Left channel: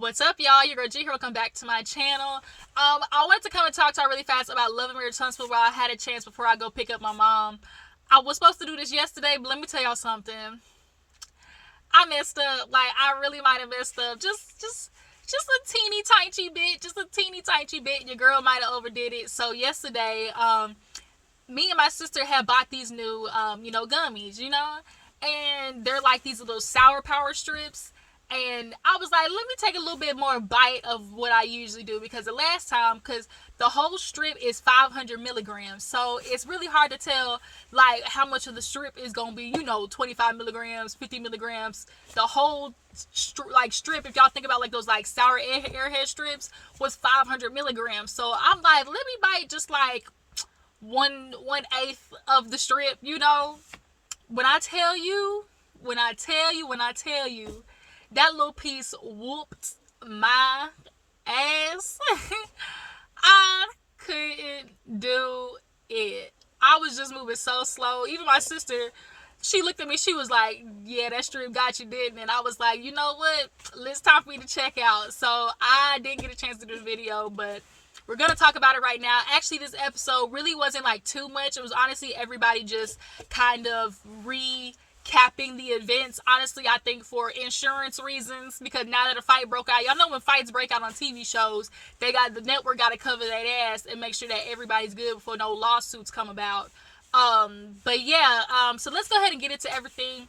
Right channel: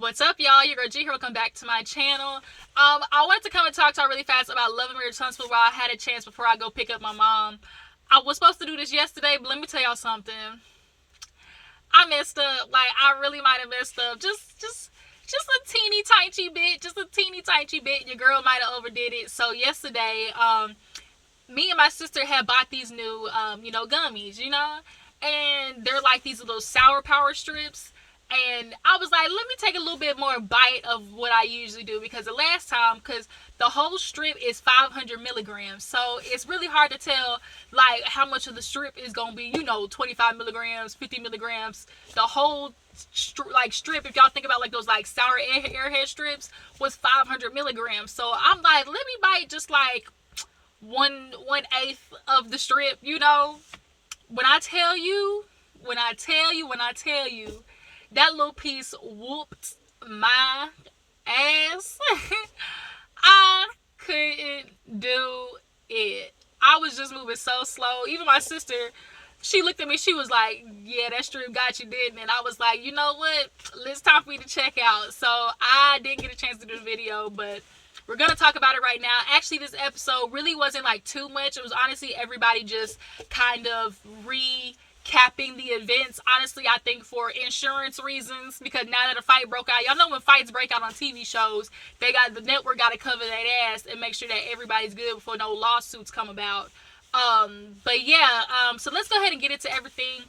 What's up, y'all? Your girl G here. Welcome back to my channel. I wanted to come and talk to y'all really fast about Love and Marriage Huntsville while I had a chance before I go pick up my mom. I was supposed to do this yesterday, but let me tell y'all something. I messed up. Like, I really might have messed up. Just a teeny tiny bit. Just a teeny tiny bit. Your girl might have overdid it. So yesterday, me and my sister had bought these new, gummies, and they're like these little sour power strips. And I was like, let me take a little bit more bite of what I usually do, because the last time, because the whole strip is 500 milligrams. So it's really hard to tell, like, how much of the strip is going to be, 25 milligrams, 50 milligrams. The whole, strip, if y'all think about, like, those, like, sour airhead strips, was 500 milligrams. So I'm like, let me bite just, like, one-eighth of the strip, When I tell you, that little piece whooped my ass. I couldn't do it. I was just moving so slow. Even my sister, she looked at me. She was like, yeah, that strip got you, didn't it? And I was like, you know what? It's time for me to check out. So I didn't get a chance to do the video, but we're going to talk about it right now. Actually, this episode really wasn't like too much. It was honestly everybody just kind of recapping the events. Honestly, I think for insurance reasons, because now that a fight broke out, y'all know when fights break out on TV shows, the network got to cover that ass and make sure that everybody's good before no lawsuits come about. So let's go ahead and get into everything.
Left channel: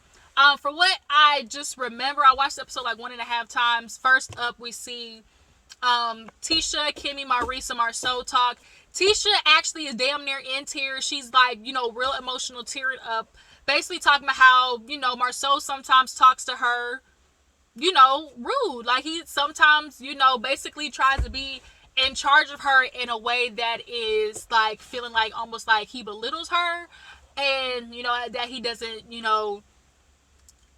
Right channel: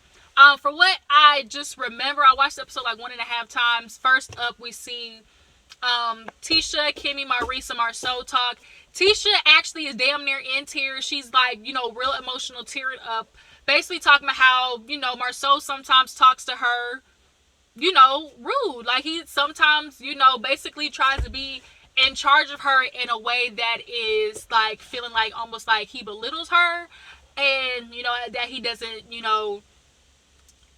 For what I just remember, I watched the episode like 1.5 times. First up, we see Tisha, Kimmy, Marisa, Marsau talk. Tisha actually is damn near in tears. She's like, real emotional, tearing up. Basically talking about how, Marsau sometimes talks to her, rude. Like, he sometimes, basically tries to be in charge of her in a way that is, like, feeling like almost like he belittles her. And, that he doesn't,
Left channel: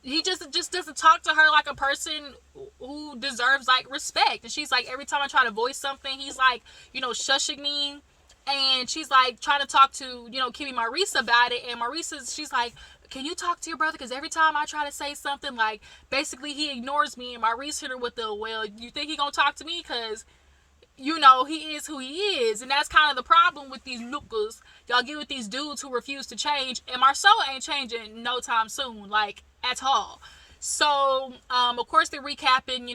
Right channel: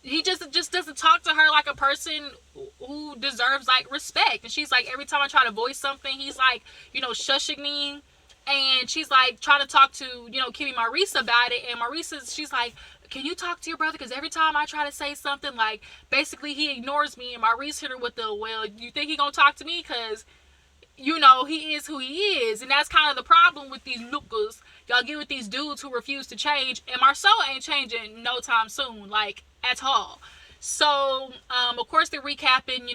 he just doesn't talk to her like a person who deserves, like, respect. And she's like, every time I try to voice something, he's like, shushing me. And she's like trying to talk to, Kimmy Marisa about it. And she's like, can you talk to your brother? Because every time I try to say something, like, basically he ignores me. And Marisa hit her with the, well, you think he gonna talk to me? Because, he is who he is. And that's kind of the problem with these nukkas. Y'all get with these dudes who refuse to change. And Marsau ain't changing no time soon, like, at all. So, of course, they're recapping,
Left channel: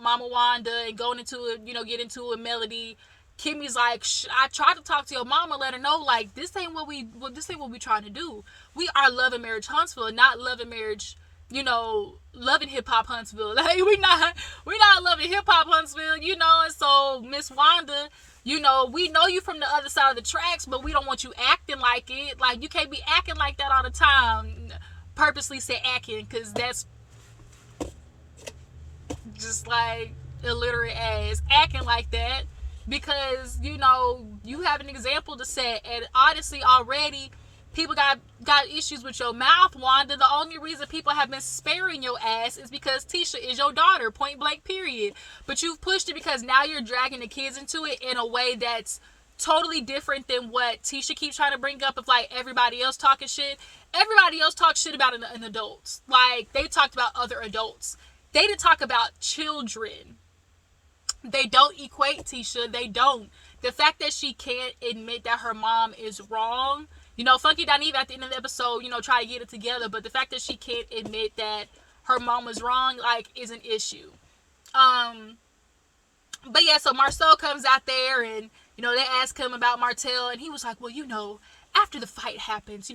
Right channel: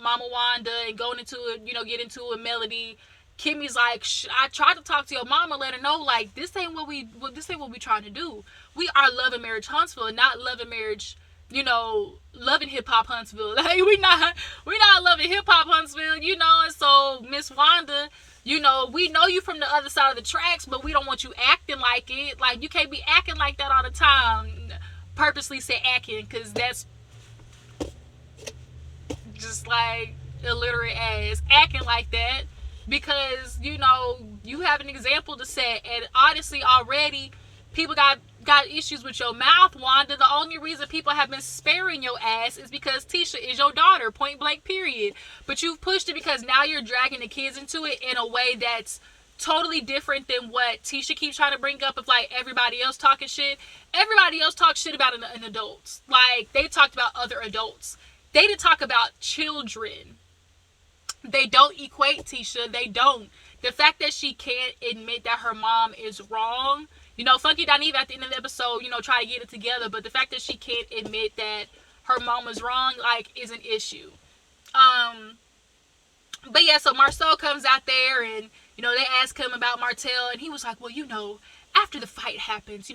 Mama Wanda and going into it, get into a Melody. Kimmy's like, I tried to talk to your mama, let her know, like, this ain't what we trying to do. We are loving Marriage Huntsville, not loving marriage, loving hip hop Huntsville. Like, we not loving hip hop Huntsville, And so Miss Wanda, we know you from the other side of the tracks, but we don't want you acting like it. Like, you can't be acting like that all the time. Purposely say acting, because that's just like illiterate ass acting like that. Because, you have an example to set. And honestly, already, people got issues with your mouth, Wanda. The only reason people have been sparing your ass is because Tisha is your daughter, point blank, period. But you've pushed it because now you're dragging the kids into it in a way that's totally different than what Tisha keeps trying to bring up of, like, everybody else talking shit. Everybody else talks shit about an adults. Like, they talked about other adults. They didn't talk about children. They don't equate Tisha. They don't. The fact that she can't admit that her mom is wrong. Funky Doniva at the end of the episode, try to get it together. But the fact that she can't admit that her mom is wrong, like, is an issue. But yeah, so Marsau comes out there and, they ask him about Martell. And he was like, well, after the fight happens,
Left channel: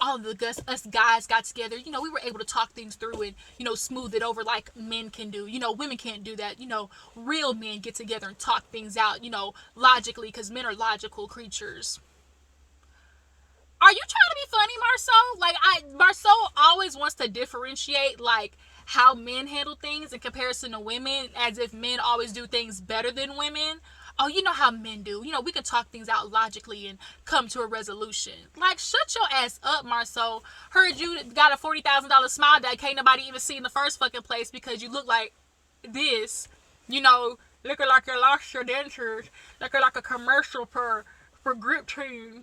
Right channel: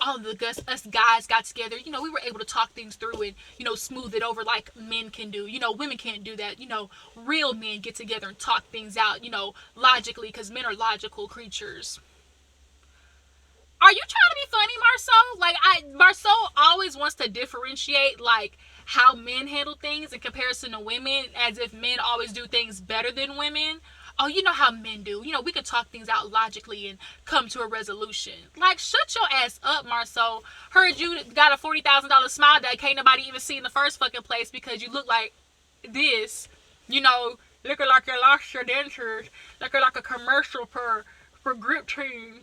all of us guys got together, we were able to talk things through and, smooth it over like men can do. Women can't do that. Real men get together and talk things out, logically, because men are logical creatures. Are you trying to be funny, Marsau? Like, Marsau always wants to differentiate, like, how men handle things in comparison to women, as if men always do things better than women. Oh, you know how men do. We could talk things out logically and come to a resolution. Like, shut your ass up, Marsau. Heard you got a $40,000 smile that can't nobody even see in the first fucking place because you look like this. Looking like you lost your dentures. Looking like a commercial for Grip Team.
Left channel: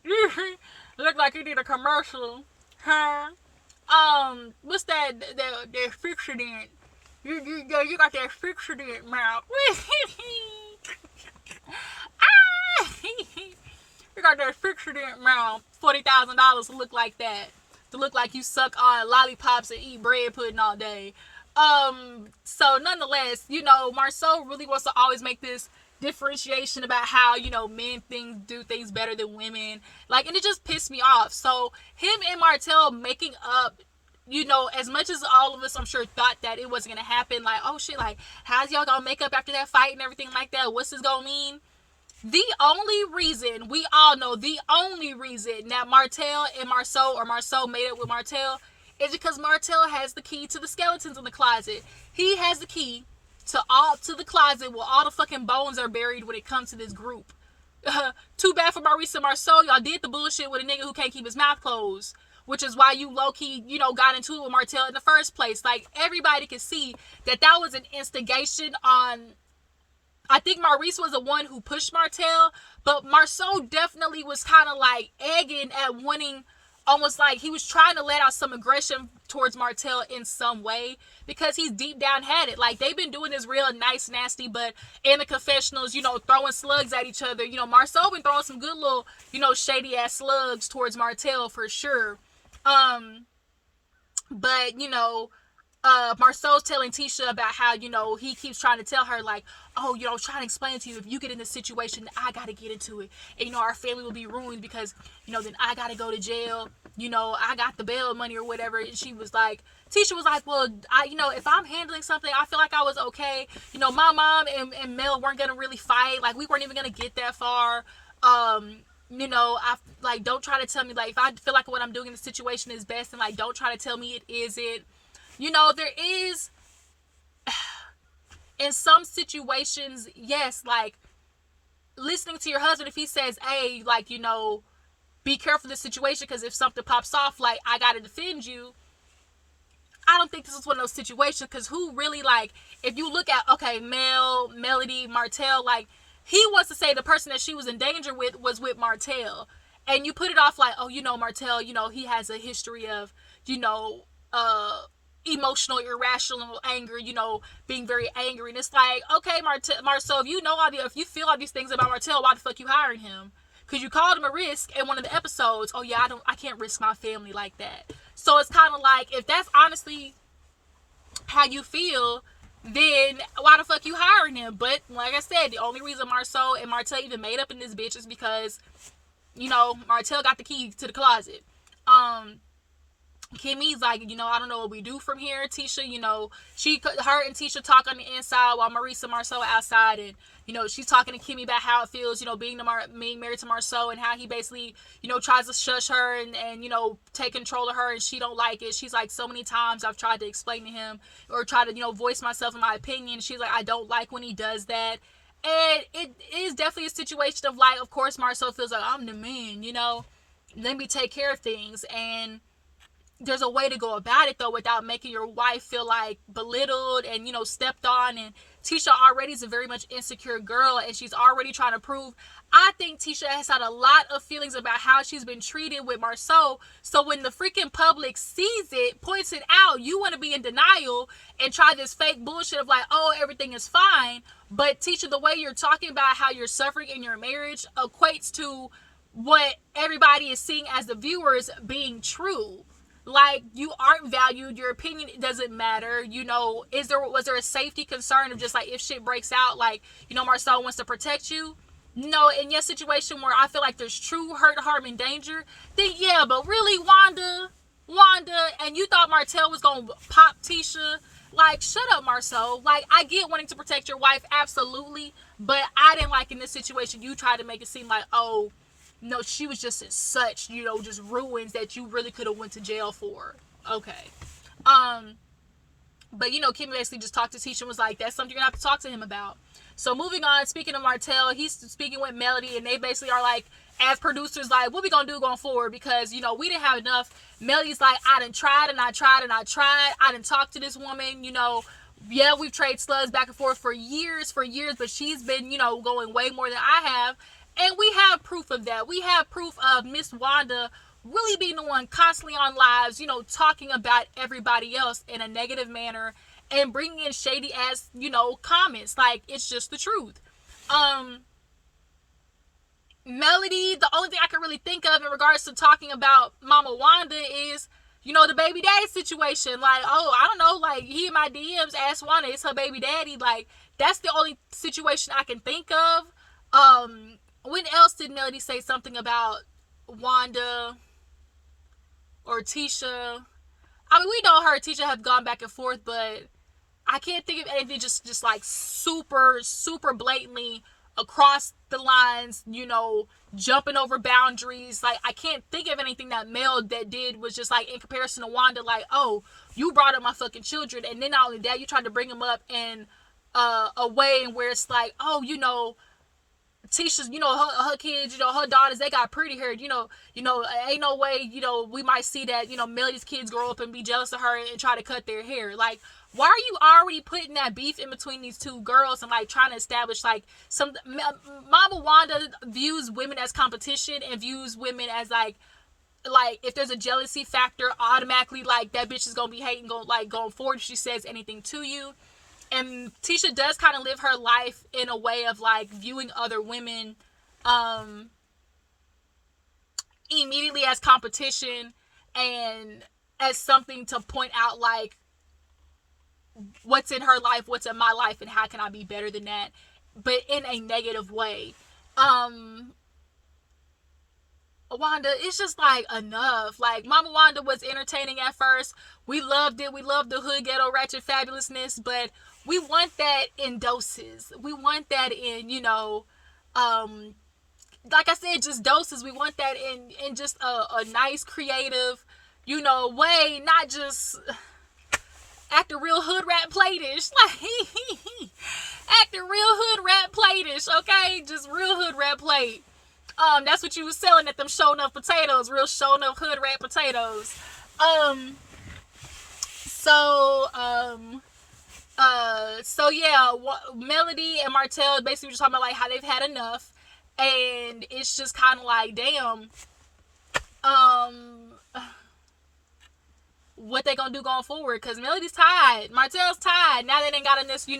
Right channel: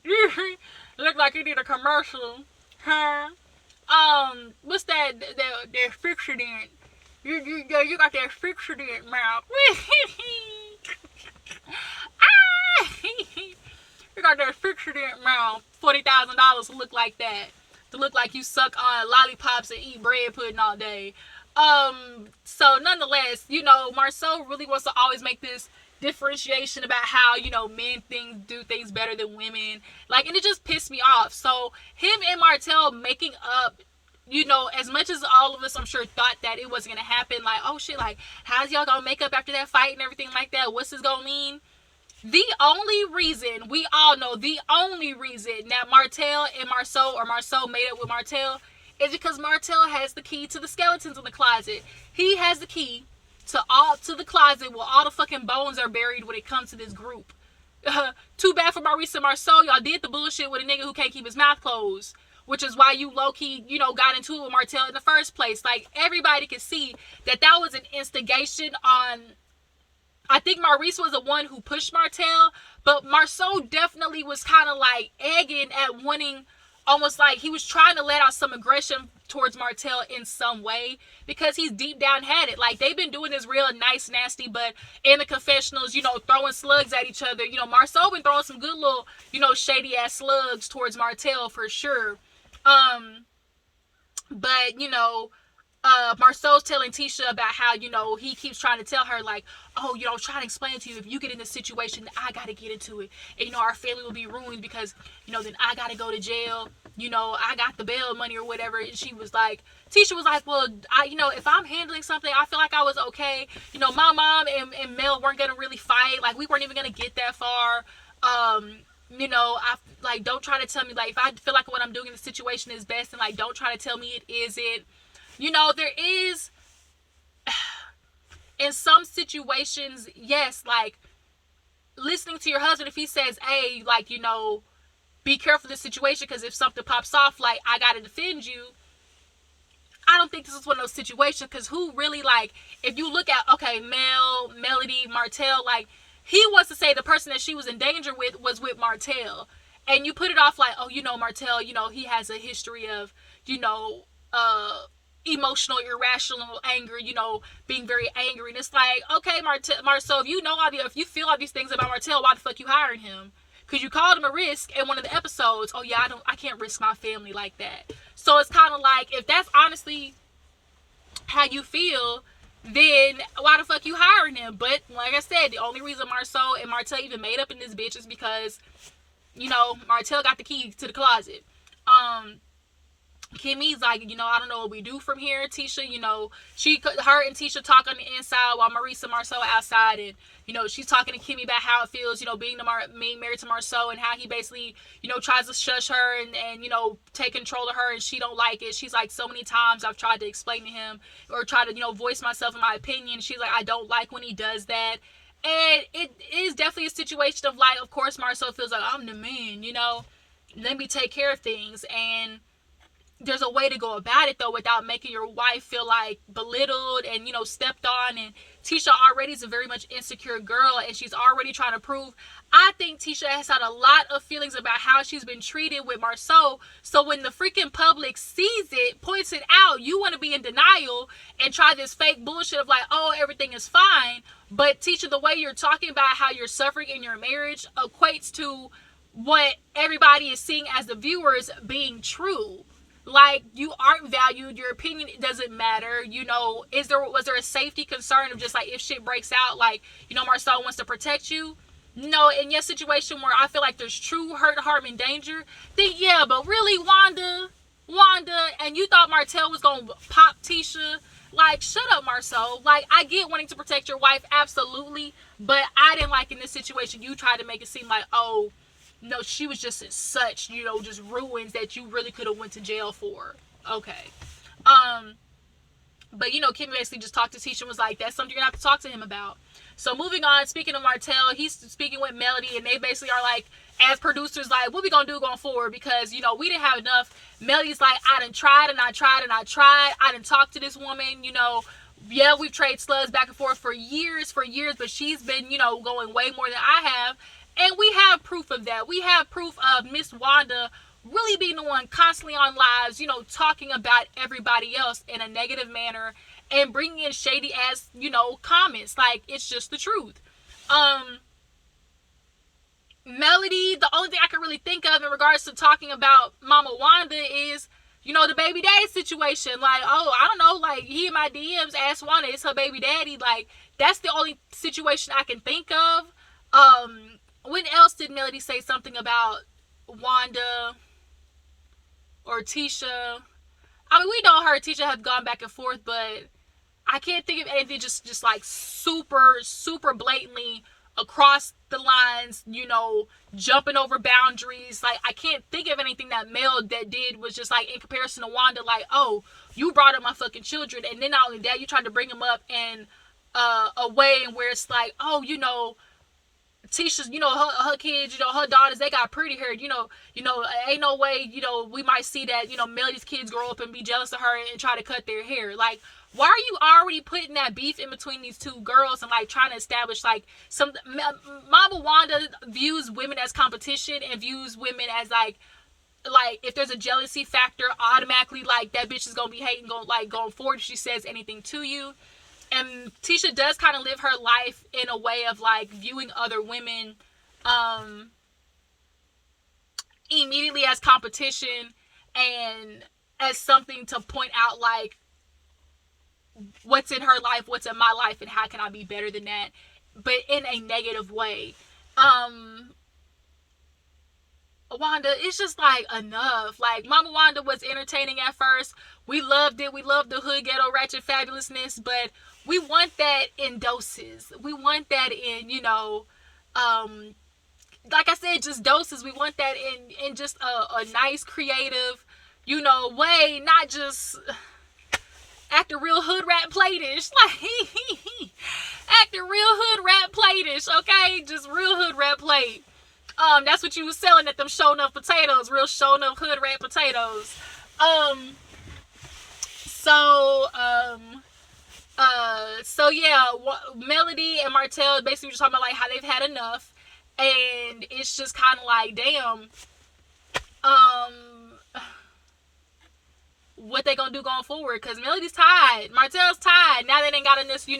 Look like you did a commercial. Huh? What's that? The fixing it. You got that fixture in your mouth. You got that fixture in your mouth. $40,000 to look like that. To look like you suck on lollipops and eat bread pudding all day. So nonetheless, Marsau really wants to always make this differentiation about how, men do things better than women. Like, and it just pissed me off. So him and Martell making up, as much as all of us, I'm sure, thought that it wasn't gonna happen, like, oh shit, like, how's y'all gonna make up after that fight and everything like that? What's this gonna mean? The only reason, we all know, the only reason that Martell and Marsau, or Marsau made up with Martell, is because Martell has the key to the skeletons in the closet. He has the key to the closet where all the fucking bones are buried when it comes to this group. Too bad for Maurice and Marsau. Y'all did the bullshit with a nigga who can't keep his mouth closed. Which is why you low-key, got into it with Martell in the first place. Like, everybody could see that was an instigation on... I think Maurice was the one who pushed Martell, but Marsau definitely was kind of like egging at wanting... Almost like he was trying to let out some aggression towards Martell in some way, because he's deep down had it. Like, they've been doing this real nice, nasty, but in the confessionals, throwing slugs at each other. Marsau been throwing some good little, shady ass slugs towards Martell for sure. But Marsau's telling Tisha about how, he keeps trying to tell her, like, oh, I'm trying to explain to you, if you get in this situation, I gotta get into it. And, our family will be ruined because, then I gotta go to jail. I got the bail money or whatever. And Tisha was like, well, if I'm handling something, I feel like I was okay. My mom and Mel weren't gonna really fight. Like, we weren't even gonna get that far. I like, don't try to tell me, like, if I feel like what I'm doing in the situation is best, and like, don't try to tell me it isn't. There is, in some situations, yes, like, listening to your husband, if he says, hey, like, be careful of this situation, because if something pops off, like, I gotta defend you. I don't think this is one of those situations, because who really, like, if you look at, okay, Melody, Martell, like, he wants to say the person that she was in danger with was with Martell. And you put it off like, oh, Martell, he has a history of, emotional, irrational anger, being very angry. And it's like, okay, Marsau, if you feel all these things about Martell, why the fuck you hiring him? Because you called him a risk in one of the episodes. Oh yeah, I can't risk my family like that. So it's kind of like, if that's honestly how you feel, then why the fuck you hiring him? But like I said, the only reason Marsau and Martell even made up in this bitch is because, Martell got the key to the closet. Kimmy's like, I don't know what we do from here. Tisha, her and Tisha talk on the inside while Maurice and Marsau outside, and she's talking to Kimmy about how it feels, being married to Marsau, and how he basically, tries to shush her and take control of her, and she don't like it. She's like, so many times I've tried to explain to him or try to, voice myself in my opinion. She's like, I don't like when he does that. And it is definitely a situation of like, of course, Marsau feels like, I'm the man, let me take care of things. And there's a way to go about it, though, without making your wife feel like belittled and, stepped on. And Tisha already is a very much insecure girl, and she's already trying to prove. I think Tisha has had a lot of feelings about how she's been treated with Marsau. So when the freaking public sees it, points it out, you want to be in denial and try this fake bullshit of like, oh, everything is fine. But Tisha, the way you're talking about how you're suffering in your marriage equates to what everybody is seeing as the viewers being true. Like, you aren't valued, your opinion doesn't matter. Was there a safety concern of just like, if shit breaks out, like, Marsau wants to protect you? No, in your situation where I feel like there's true hurt, harm, and danger, then yeah, but really, Wanda, and you thought Martell was gonna pop Tisha? Like, shut up, Marsau. Like, I get wanting to protect your wife, absolutely, but I didn't like in this situation, you tried to make it seem like, oh, no, she was just in such, just ruins that you really could have went to jail for. Okay. But, Kim basically just talked to Tisha and was like, that's something you're going to have to talk to him about. So moving on, speaking of Martell, he's speaking with Melody, and they basically are like, as producers, like, what we going to do going forward? Because, we didn't have enough. Melody's like, I done tried and I tried and I tried. I done talked to this woman, yeah, we've traded slugs back and forth for years, but she's been, going way more than I have. And we have proof of that. We have proof of Miss Wanda really being the one constantly on lives, talking about everybody else in a negative manner and bringing in shady ass, comments. Like, it's just the truth. Melody, the only thing I can really think of in regards to talking about Mama Wanda is, the baby daddy situation. Like, oh, I don't know, like, he in my DMs asked Wanda, it's her baby daddy. Like, that's the only situation I can think of. When else did Melody say something about Wanda or Tisha? I mean, we know her and Tisha have gone back and forth, but I can't think of anything just like super, super blatantly across the lines, jumping over boundaries. Like, I can't think of anything that Mel that did was just like, in comparison to Wanda, like, oh, you brought up my fucking children, and then not only that, you tried to bring them up in a way where it's like, oh, Tisha's, her kids, her daughters, they got pretty hair, ain't no way, we might see that, Melody's kids grow up and be jealous of her and try to cut their hair. Like, why are you already putting that beef in between these two girls and like trying to establish like Mama Wanda views women as competition and views women as like if there's a jealousy factor, automatically like that bitch is gonna be hating going forward if she says anything to you. And Tisha does kind of live her life in a way of like viewing other women immediately as competition and as something to point out like what's in her life, what's in my life, and how can I be better than that, but in a negative way. Wanda, it's just like enough. Like, Mama Wanda was entertaining at first. We loved it. We loved the hood ghetto ratchet fabulousness, but we want that in doses. We want that in, like I said, just doses. We want that in just a nice, creative, way, not just acting real hood rat platish. Like, acting real hood rat platish, okay? Just real hood rat plate. That's what you was selling at them show enough potatoes, real show enough hood rat potatoes. So yeah, Melody and Martell basically just talking about like how they've had enough, and it's just kind of like, damn, what they gonna do going forward? Because Melody's tired, Martell's tired. Now they ain't got in this, when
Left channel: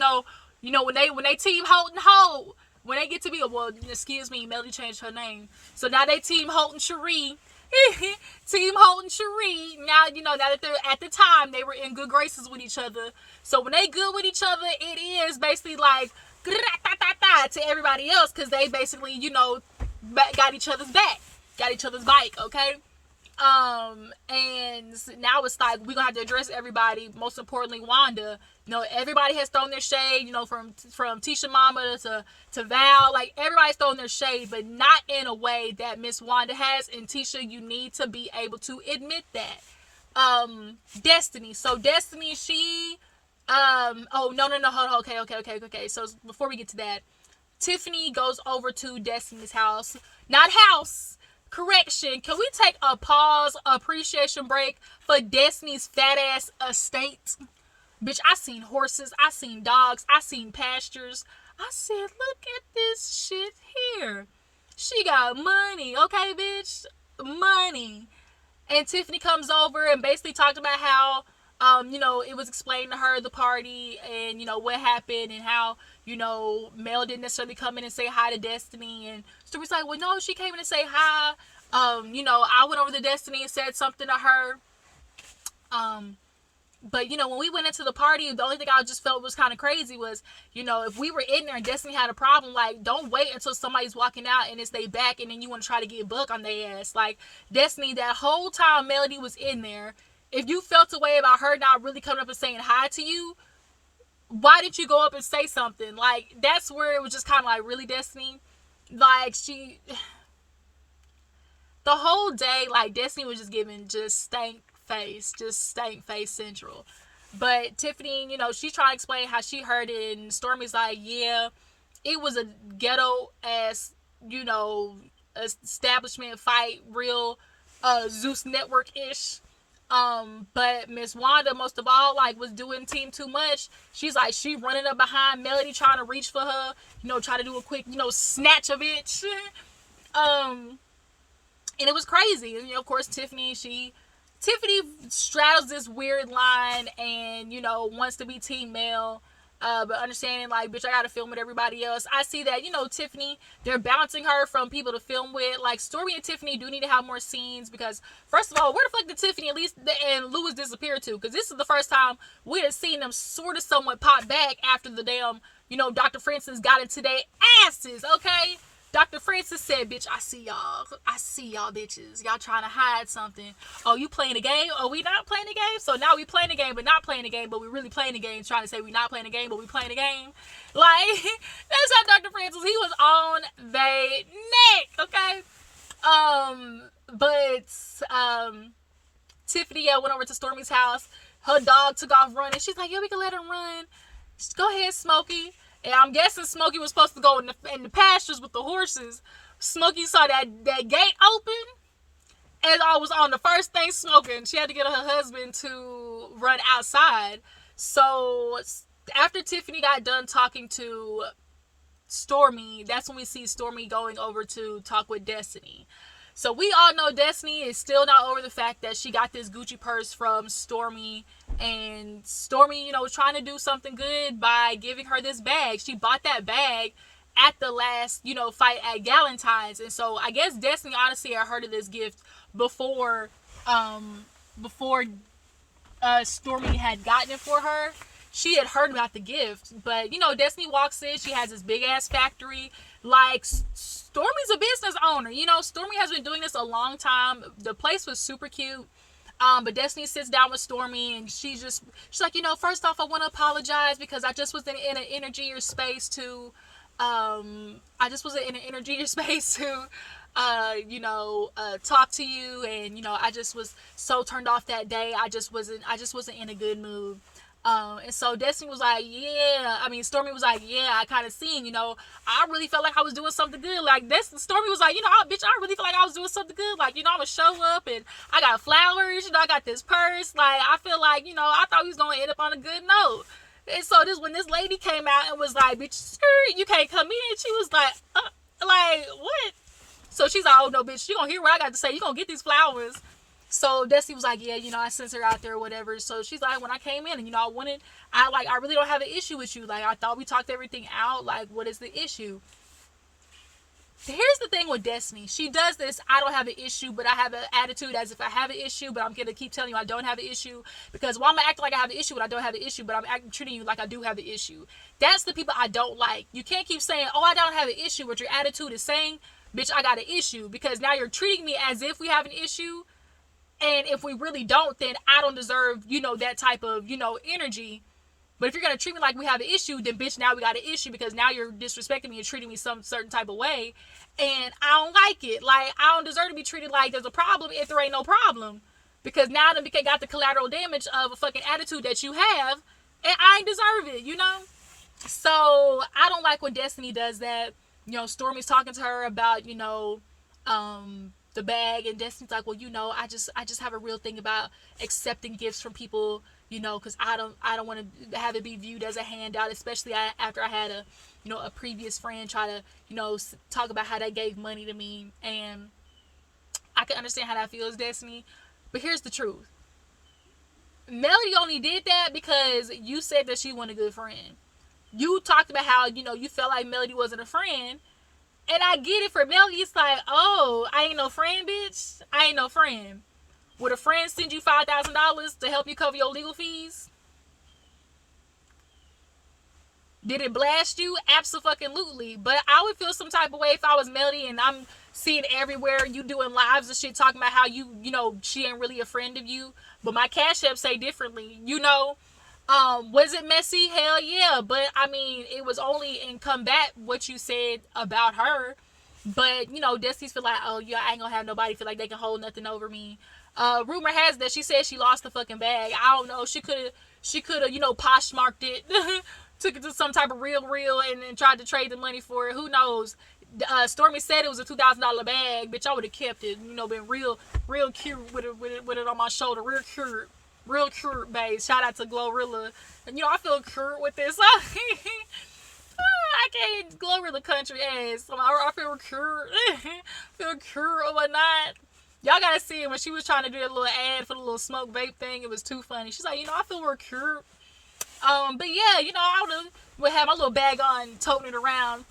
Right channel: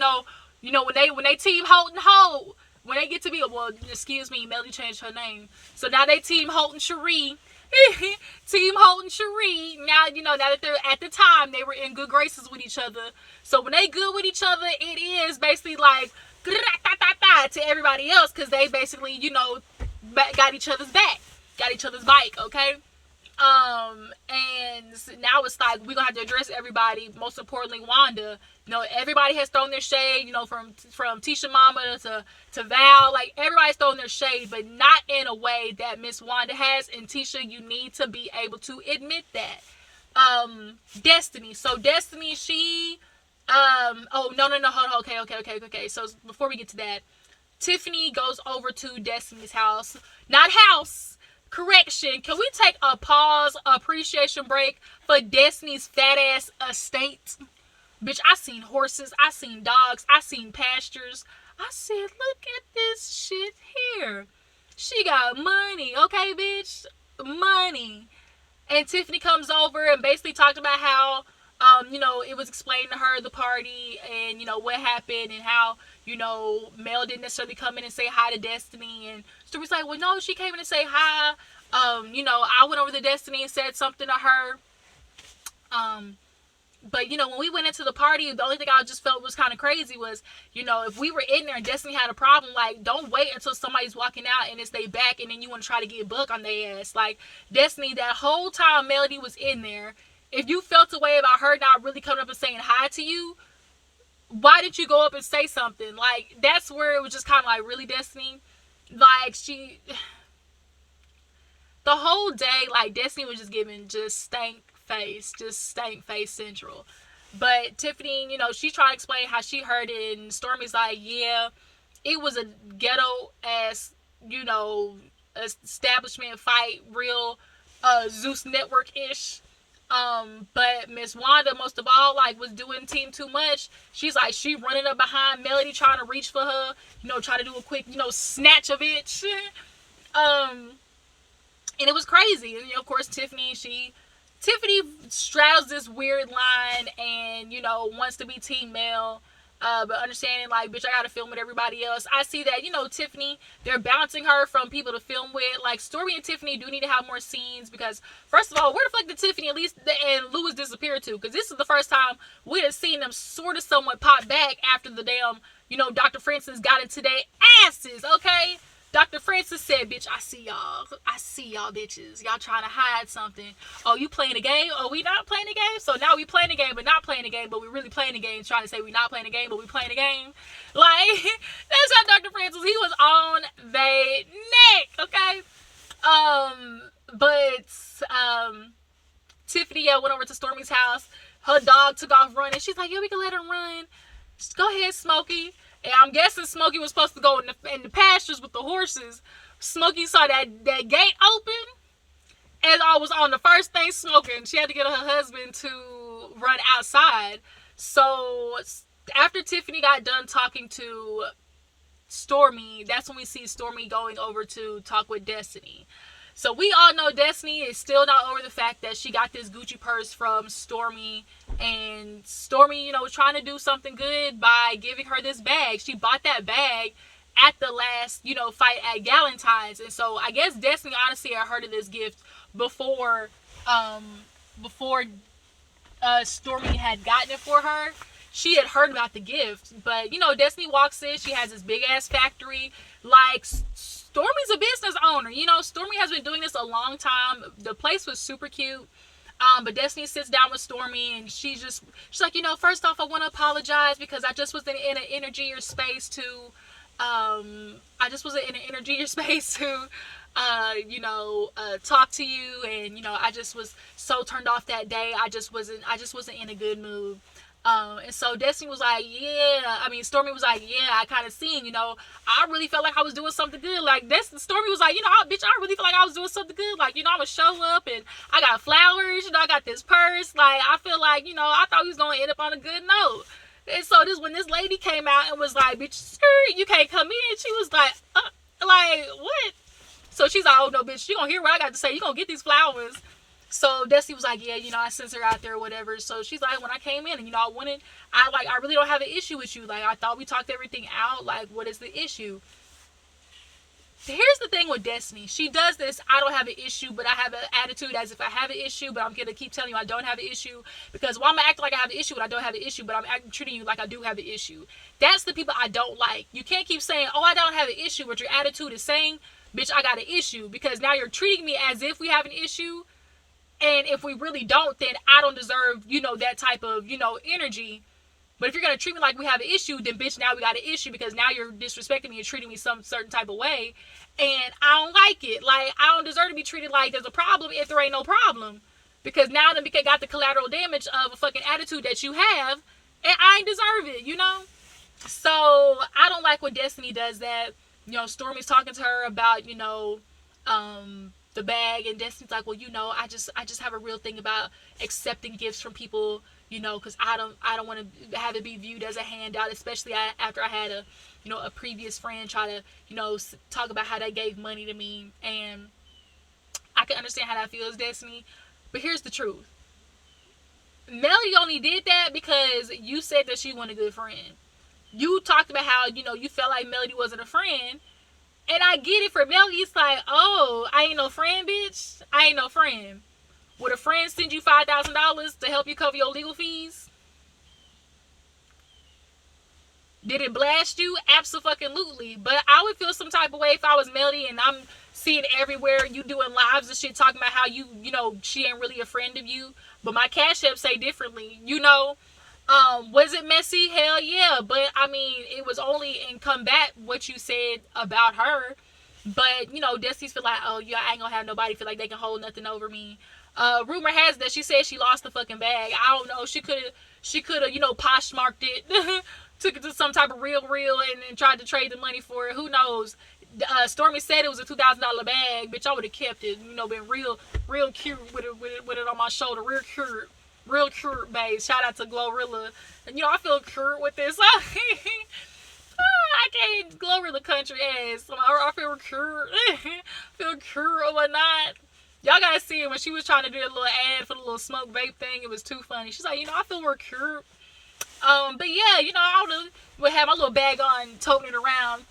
they team Holt and Holt. When they get to be, excuse me, Melody changed her name. So now they team Holt and Cherie. Team Holt and Cherie. Now, now that they're, at the time, they were in good graces with each other. So when they good with each other, it is basically like, to everybody else. Because they basically, got each other's back. Got each other's bike, okay? And now it's like, we're gonna have to address everybody, most importantly Wanda. Everybody has thrown their shade, from Tisha Mama to Val. Like, everybody's throwing their shade, but not in a way that Miss Wanda has. And Tisha, you need to be able to admit that. Destiny. So Destiny, she oh no, hold on. Okay. So before we get to that, Tiffany goes over to Destiny's house. Not house. Correction, can we take a pause, appreciation break for Destiny's fat ass estate? Bitch, I seen horses, I seen dogs, I seen pastures. I said, look at this shit here. She got money, okay, bitch? Money. And Tiffany comes over and basically talked about how, it was explained to her, the party, and, what happened, and how, Mel didn't necessarily come in and say hi to Destiny. And Stormy's like, well, no, she came in and say hi. I went over to Destiny and said something to her. But, when we went into the party, the only thing I just felt was kind of crazy was, if we were in there and Destiny had a problem, like, don't wait until somebody's walking out and it's they back and then you want to try to get buck on their ass. Like, Destiny, that whole time Melody was in there, if you felt a way about her not really coming up and saying hi to you, why didn't you go up and say something? Like, that's where it was just kind of like, really, Destiny? Like, the whole day, like, Destiny was just giving just stank face central. But Tiffany, she's trying to explain how she heard it, and Stormy's like, yeah, it was a ghetto ass, establishment fight, real Zeus Network-ish. But Miss Wanda, most of all, like, was doing team too much. She's like, she running up behind Melody, trying to reach for her, try to do a quick, snatch of it. And it was crazy. And, of course, Tiffany, she Tiffany straddles this weird line and, you know, wants to be team male. But understanding, like, bitch, I gotta film with everybody else. I see that, you know, Tiffany, they're bouncing her from people to film with. Like, Stormy and Tiffany do need to have more scenes because, first of all, where the fuck did Tiffany and Louis disappear to? Because this is the first time we have seen them sort of somewhat pop back after the damn, you know, Dr. Francis got into their asses, okay? Dr. Francis said, bitch, I see y'all. I see y'all bitches. Y'all trying to hide something. Oh, you playing a game? Oh, we not playing a game? So now we playing a game, but not playing a game, but we really playing a game, trying to say we not playing a game, but we playing a game. Like, that's how Dr. Francis, he was on the neck, okay? Tiffany went over to Stormy's house. Her dog took off running. She's like, yeah, we can let him run. Just go ahead, Smokey. And I'm guessing Smokey was supposed to go in the pastures with the horses. Smokey saw that gate open, and I was on the first thing smoking. She had to get her husband to run outside. So after Tiffany got done talking to Stormy, that's when we see Stormy going over to talk with Destiny. So we all know Destiny is still not over the fact that she got this Gucci purse from Stormy. And Stormy, you know, was trying to do something good by giving her this bag. She bought that bag at the last, you know, fight at Galentine's. And so I guess Destiny honestly had heard of this gift before Stormy had gotten it for her. She had heard about the gift. But, you know, Destiny walks in. She has this big ass factory. Like, Stormy's a business owner. You know, Stormy has been doing this a long time. The place was super cute. But Destiny sits down with Stormy and she's like, you know, first off, I want to apologize because I just wasn't in an energy or space to, talk to you. And, you know, I just was so turned off that day. I just wasn't in a good mood. And so Destiny was like, Stormy was like, yeah, I kind of seen, you know, I really felt like I was doing something good. Like, Stormy was like, you know, bitch, I really feel like I was doing something good. Like, you know, I'm gonna show up and I got flowers, you know, I got this purse. Like, I feel like, you know, I thought we was gonna end up on a good note. And so when this lady came out and was like, bitch, you can't come in. She was like, what? So she's like, oh no, bitch, you gonna hear what I got to say. You gonna get these flowers. So Destiny was like, yeah, you know, I sent her out there or whatever. So she's like, when I came in and, you know, I really don't have an issue with you. Like, I thought we talked everything out. Like, what is the issue? Here's the thing with Destiny. She does this, I don't have an issue, but I have an attitude as if I have an issue, but I'm going to keep telling you I don't have an issue. Because while I'm acting like I have an issue and I don't have an issue, but I'm treating you like I do have an issue. That's the people I don't like. You can't keep saying, oh, I don't have an issue, but your attitude is saying, bitch, I got an issue. Because now you're treating me as if we have an issue. And if we really don't, then I don't deserve, you know, that type of, you know, energy. But if you're going to treat me like we have an issue, then bitch, now we got an issue because now you're disrespecting me and treating me some certain type of way. And I don't like it. Like, I don't deserve to be treated like there's a problem if there ain't no problem. Because now I got the collateral damage of a fucking attitude that you have. And I ain't deserve it, you know? So, I don't like when Destiny does that. You know, Stormy's talking to her about, you know, the bag, and Destiny's like, well, you know, I just have a real thing about accepting gifts from people, you know, because I don't want to have it be viewed as a handout, especially after I had a previous friend try to, you know, talk about how they gave money to me, and I can understand how that feels, Destiny. But here's the truth. Melody only did that because you said that she wasn't a good friend. You talked about how, you know, you felt like Melody wasn't a friend. And I get it for Melody. It's like, oh, I ain't no friend, bitch. I ain't no friend. Would a friend send you $5,000 to help you cover your legal fees? Did it blast you? Absolutely. But I would feel some type of way if I was Melody and I'm seeing everywhere you doing lives and shit talking about how you know, she ain't really a friend of you. But my Cashapp say differently, you know. Was it messy? Hell yeah. But I mean, it was only in combat what you said about her. But, you know, Destiny's feel like, oh yeah, I ain't gonna have nobody feel like they can hold nothing over me. Rumor has that she said she lost the fucking bag. I don't know. She could have, you know, poshmarked it, took it to some type of real and tried to trade the money for it. Who knows? Stormy said it was a $2,000 bag. Bitch, I would have kept it. You know, been real cute with it on my shoulder. Real cute, babe. Shout out to Glorilla. And, you know, I feel cute with this. I can't Glorilla country ass. I feel cute. Feel cute or whatnot. Y'all gotta see it when she was trying to do a little ad for the little smoke vape thing. It was too funny. She's like, I feel we're cute. But yeah, I would have my little bag on, toting it around.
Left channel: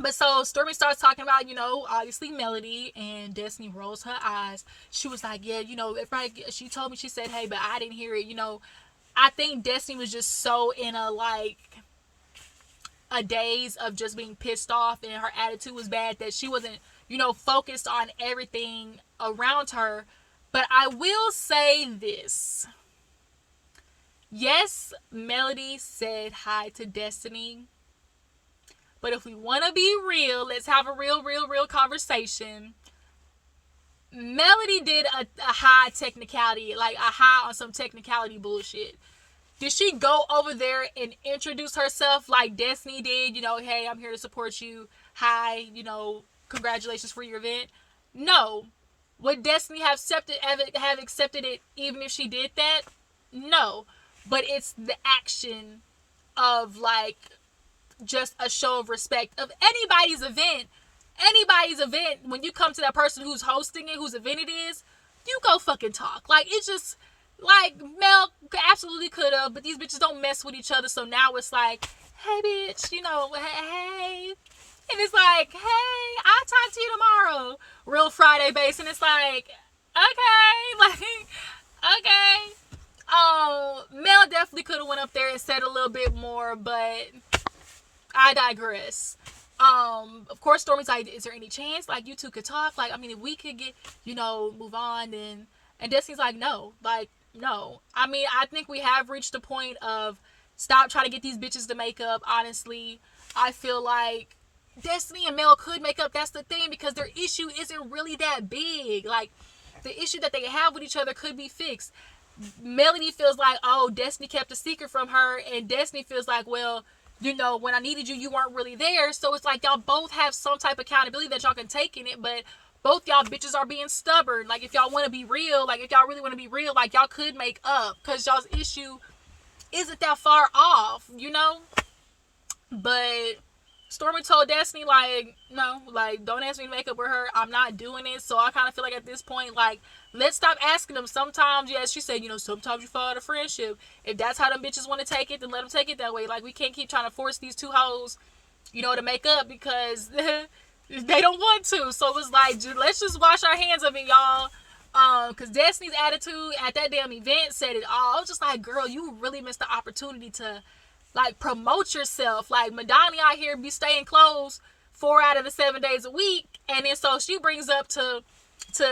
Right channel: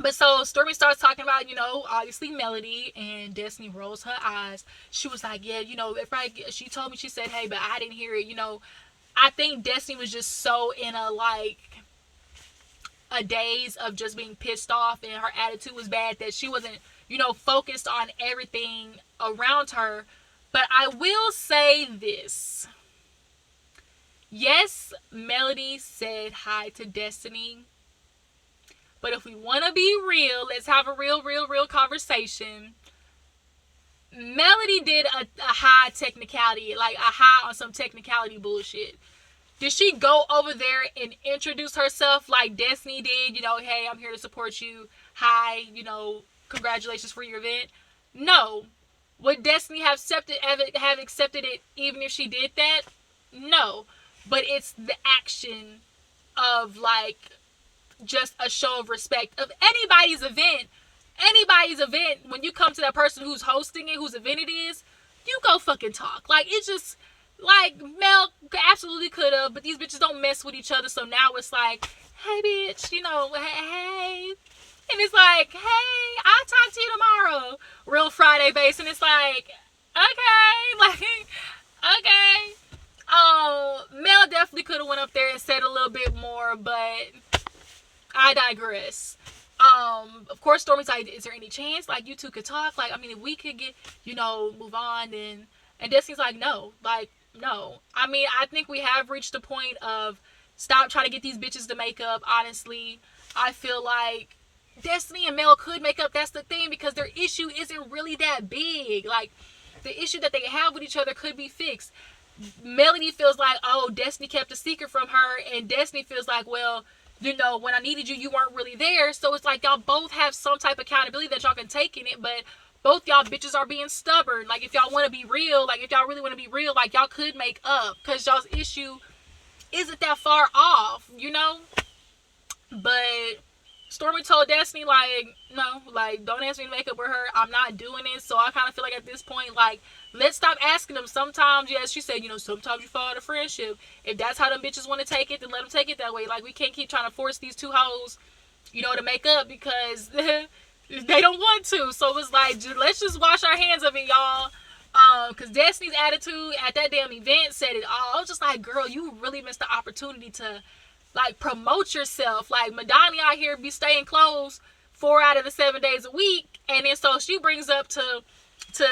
But so Stormy starts talking about, obviously Melody, and Destiny rolls her eyes. She was like, yeah, she told me, she said, hey, but I didn't hear it. I think Destiny was just so in a daze of just being pissed off, and her attitude was bad that she wasn't, focused on everything around her. But I will say this. Yes, Melody said hi to Destiny. But if we want to be real, let's have a real conversation. Melody did a high technicality, like a high on some technicality bullshit. Did she go over there and introduce herself like Destiny did? Hey, I'm here to support you. Hi, congratulations for your event. No. Would Destiny have accepted it even if she did that? No. But it's the action of just a show of respect of anybody's event. When you come to that person who's hosting it, whose event it is, you go fucking talk. It's just Mel absolutely could have, but these bitches don't mess with each other. So now it's like, hey bitch, hey. And it's like, hey, I'll talk to you tomorrow. Real Friday base. And it's like, okay. Okay. Mel definitely could have went up there and said a little bit more, but I digress. Of course, Stormy's like, is there any chance you two could talk? If we could get, move on, and Destiny's like, no. No. I think we have reached the point of stop trying to get these bitches to make up. Honestly, I feel like Destiny and Mel could make up. That's the thing, because their issue isn't really that big. The issue that they have with each other could be fixed. Melody feels like, oh, Destiny kept a secret from her, and Destiny feels like, well, when I needed you, you weren't really there. So it's like y'all both have some type of accountability that y'all can take in it, but both y'all bitches are being stubborn. If y'all want to be real, if y'all really want to be real, y'all could make up, because y'all's issue isn't that far off, But Stormy told Destiny, no, don't ask me to make up with her. I'm not doing it. So I kind of feel like at this point, let's stop asking them. Sometimes, yes, she said, sometimes you fall out of friendship. If that's how them bitches want to take it, then let them take it that way. We can't keep trying to force these two hoes, to make up, because they don't want to. So it's let's just wash our hands of it, y'all. Because Destiny's attitude at that damn event said it all. I was just like, girl, you really missed the opportunity to promote yourself. Madonni out here be staying closed 4 out of the 7 days a week, and then so she brings up to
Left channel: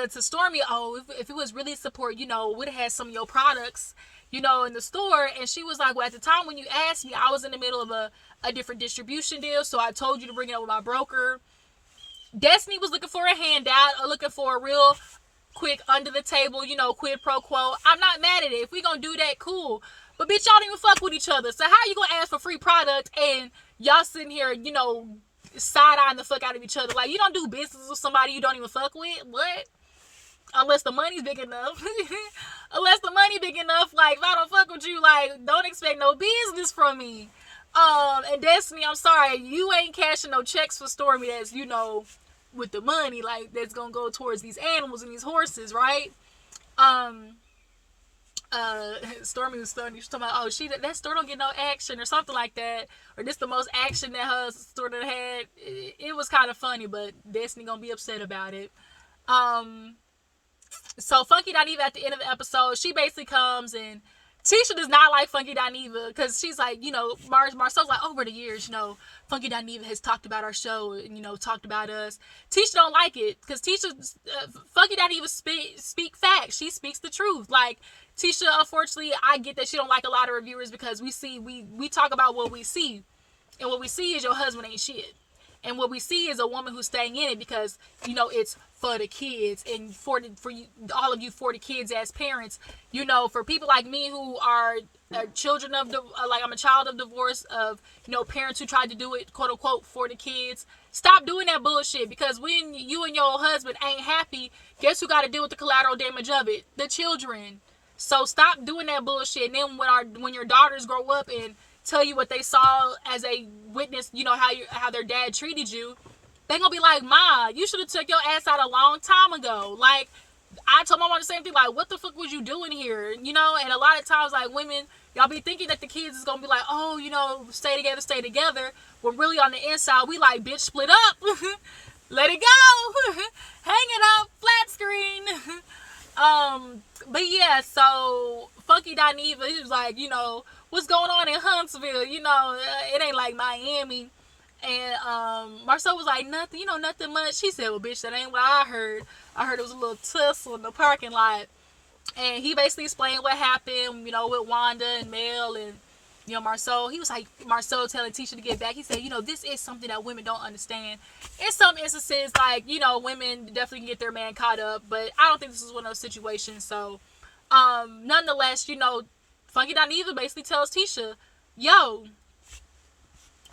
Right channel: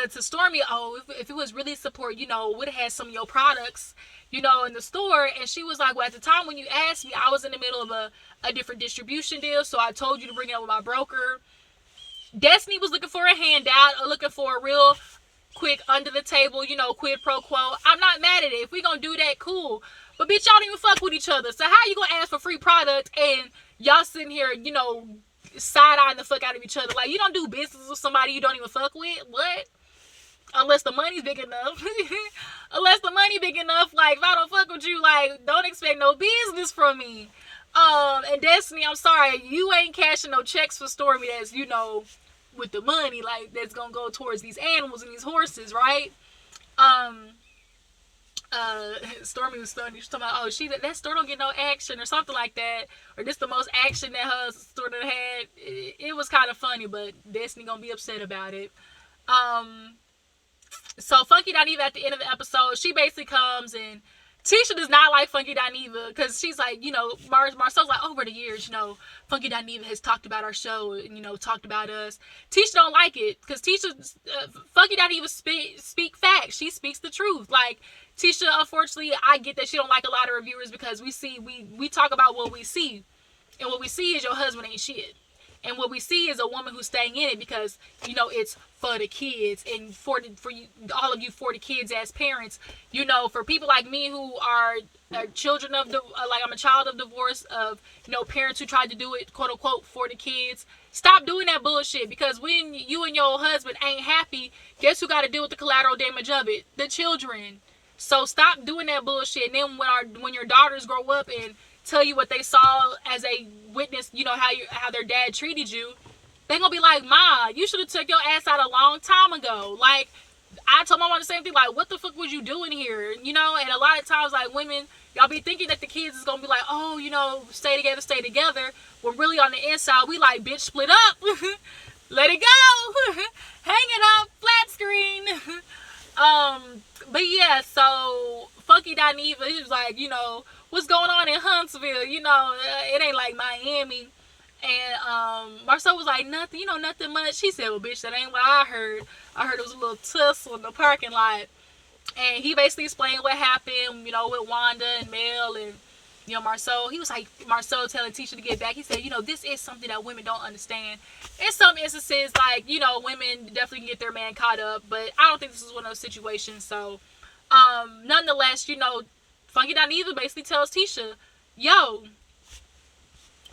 Stormy, oh, if it was really support, would have had some of your products, in the store. And she was like, well, at the time when you asked me, I was in the middle of a different distribution deal, so I told you to bring it up with my broker. Destiny was looking for a handout, or looking for a real quick under the table, quid pro quo. I'm not mad at it. If we gonna do that, cool. But bitch, y'all don't even fuck with each other. So how you gonna ask for free product and y'all sitting here, side-eyeing the fuck out of each other? You don't do business with somebody you don't even fuck with? What? Unless the money's big enough. Unless the money big enough, if I don't fuck with you, don't expect no business from me. And Destiny, I'm sorry, you ain't cashing no checks for Stormy that's, with the money, that's gonna go towards these animals and these horses, right? Stormy was stunned. She was talking about, oh, that store don't get no action or something like that, or this the most action that her store done had. It was kind of funny, but Destiny gonna be upset about it. So Funky Dineva at the end of the episode, she basically comes, and Tisha does not like Funky Dineva, because she's like, Marcel's like, over the years, Funky Dineva has talked about our show and, talked about us. Tisha don't like it, because Funky Dineva speak facts. She speaks the truth. Tisha, unfortunately, I get that she don't like a lot of reviewers, because we talk about what we see. And what we see is your husband ain't shit. And what we see is a woman who's staying in it because, it's for the kids, and for you, all of you 40 kids as parents, for people like me who are children of I'm a child of divorce, of, parents who tried to do it, quote unquote, for the kids. Stop doing that bullshit, because when you and your husband ain't happy, guess who got to deal with the collateral damage of it? The children. So stop doing that bullshit. And then when your daughters grow up and tell you what they saw as a witness, how their dad treated you, they gonna be like, Ma, you should have took your ass out a long time ago. Like, I told my mom the same thing, like, what the fuck was you doing here? You know, and a lot of times, like, women, y'all be thinking that the kids is gonna be like, oh, you know, stay together. When really on the inside, we like, bitch, split up. Let it go. Hang it up, flat screen. But yeah, so Funky Dineva, he was like, you know, what's going on in Huntsville? You know, it ain't like Miami. And Marsau was like, nothing, you know, nothing much. He said, well, bitch, that ain't what I heard. I heard it was a little tussle in the parking lot. And he basically explained what happened, you know, with Wanda and Mel and, you know, Marsau. He was like, Marsau telling Tisha to get back. He said, you know, this is something that women don't understand. In some instances, like, you know, women definitely can get their man caught up. But I don't think this is one of those situations. So, nonetheless, you know, Funky Dineva basically tells Tisha, yo,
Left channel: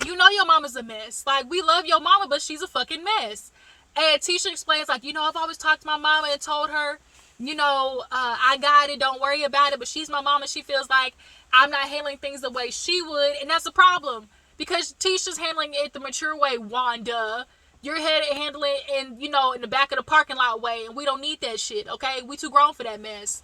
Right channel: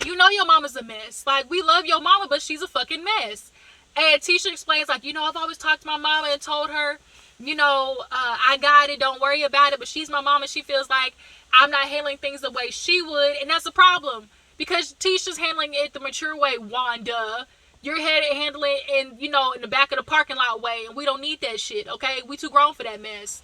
you know your mama's a mess. Like, we love your mama, but she's a fucking mess. And Tisha explains, like, you know, I've always talked to my mama and told her, you know, I got it, don't worry about it. But she's my mama. She feels like I'm not handling things the way she would. And that's a problem. Because Tisha's handling it the mature way, Wanda. You're handling it in, you know, in the back of the parking lot way. And we don't need that shit, okay? We too grown for that mess.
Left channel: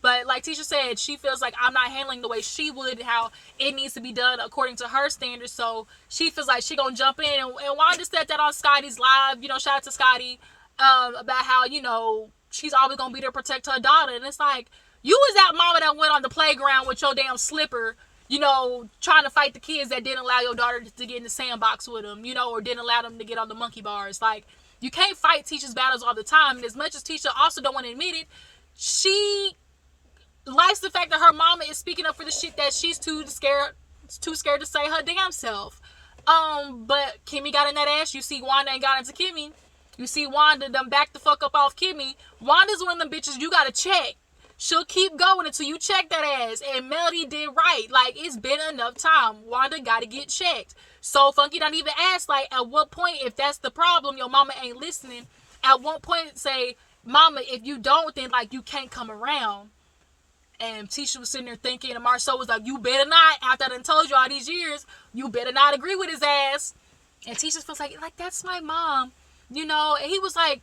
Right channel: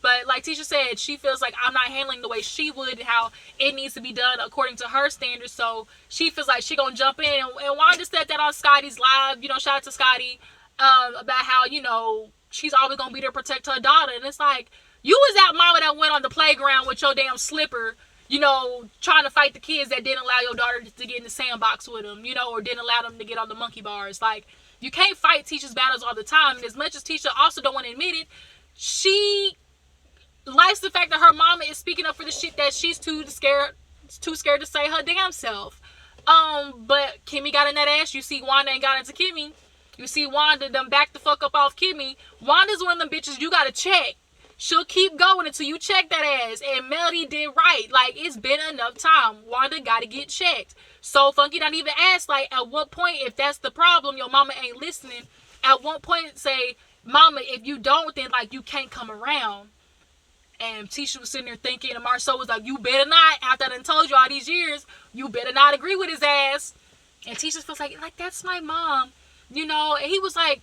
But like Tisha said, she feels like I'm not handling the way she would, how it needs to be done according to her standards. So she feels like she gonna jump in. And Wanda said that on Scotty's live, you know, shout out to Scotty, about how, you know, she's always gonna be there to protect her daughter. And it's like, you was that mama that went on the playground with your damn slipper, you know, trying to fight the kids that didn't allow your daughter to get in the sandbox with them, you know, or didn't allow them to get on the monkey bars. Like, you can't fight Tisha's battles all the time. And as much as Tisha also don't want to admit it, she likes the fact that her mama is speaking up for the shit that she's too scared to say her damn self. But Kimmy got in that ass. You see Wanda ain't got into Kimmy. You see Wanda done back the fuck up off Kimmy. Wanda's one of them bitches you gotta check. She'll keep going until you check that ass. And Melody did right. Like, it's been enough time. Wanda gotta get checked. So Funky don't even ask, like, at what point, if that's the problem, your mama ain't listening, at what point say, mama, if you don't, then, like, you can't come around. And Tisha was sitting there thinking, and Marsau was like, you better not, after I done told you all these years, you better not agree with his ass. And Tisha feels like, that's my mom. You know, and he was like,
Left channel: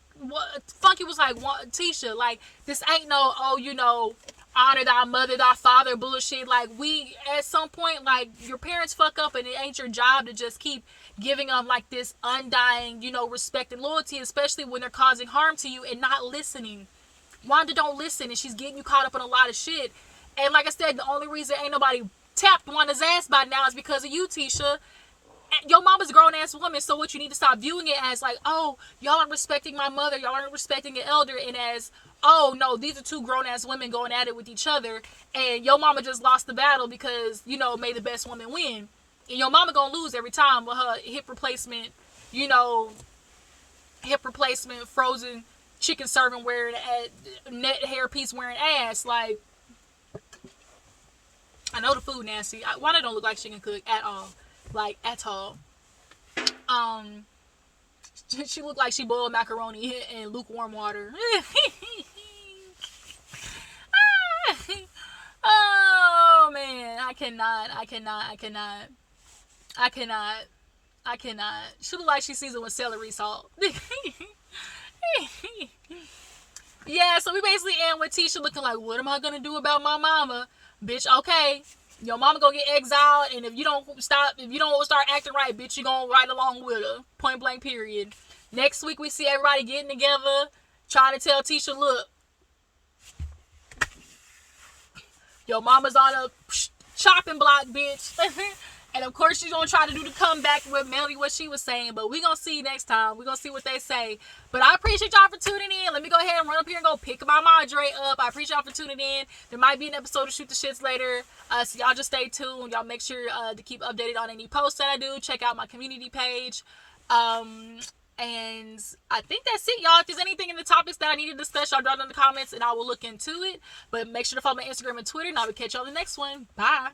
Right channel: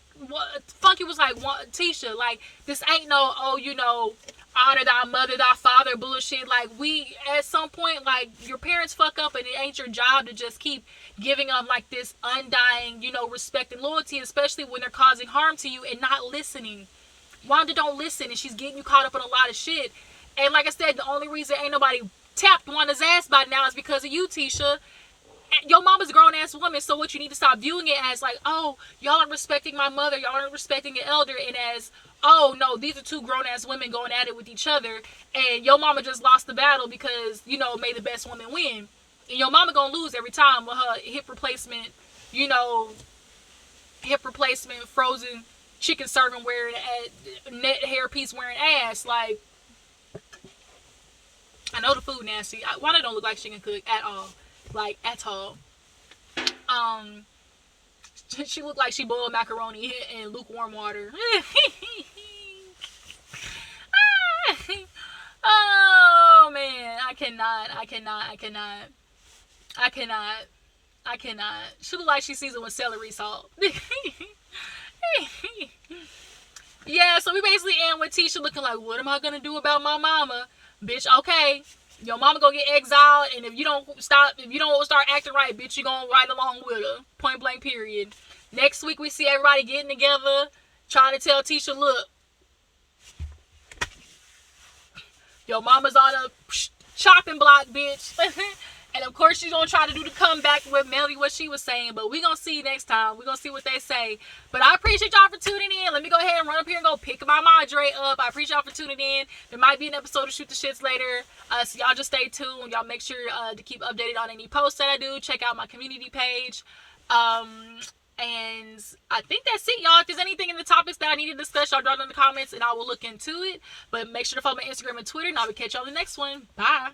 Funky was like, Tisha, like, this ain't no, oh, you know, honor thy mother, thy father bullshit. Like, we, at some point, like, your parents fuck up and it ain't your job to just keep giving them, like, this undying, you know, respect and loyalty, especially when they're causing harm to you and not listening. Wanda don't listen, and she's getting you caught up in a lot of shit. And like I said, the only reason ain't nobody tapped Wanda's ass by now is because of you, Tisha. Your mama's a grown-ass woman, so what you need to stop viewing it as like, oh, y'all aren't respecting my mother, y'all aren't respecting an elder, and as, oh, no, these are two grown-ass women going at it with each other, and your mama just lost the battle because, you know, may the best woman win. And your mama gonna lose every time with her hip replacement, you know, frozen chicken serving wearing net hairpiece wearing ass. Like, I know the food nasty. Wanda don't look like she can cook at all. Like, at all. She looked like she boiled macaroni in lukewarm water. Oh man, I cannot. She look like she seasoned with celery salt. Yeah, so we basically end with Tisha looking like, what am I gonna do about my mama? Bitch, okay, your mama gonna get exiled, and if you don't start acting right, bitch, you gonna ride along with her. Point blank, period. Next week we see everybody getting together, trying to tell Tisha, look, your mama's on a chopping block, bitch. And of course she's gonna try to do the comeback with Melody, what she was saying, but we gonna see next time. We gonna see what they say. But I appreciate y'all for tuning in. Let me go ahead and run up here and go pick my Madre up. I appreciate y'all for tuning in. There might be an episode of Shoot the Shits later. So y'all just stay tuned. Y'all make sure to keep updated on any posts that I do. Check out my community page. And I think that's it, y'all. If there's anything in the topics that I need to discuss, y'all drop it in the comments and I will look into it. But make sure to follow my Instagram and Twitter, and I will catch y'all on the next one. Bye.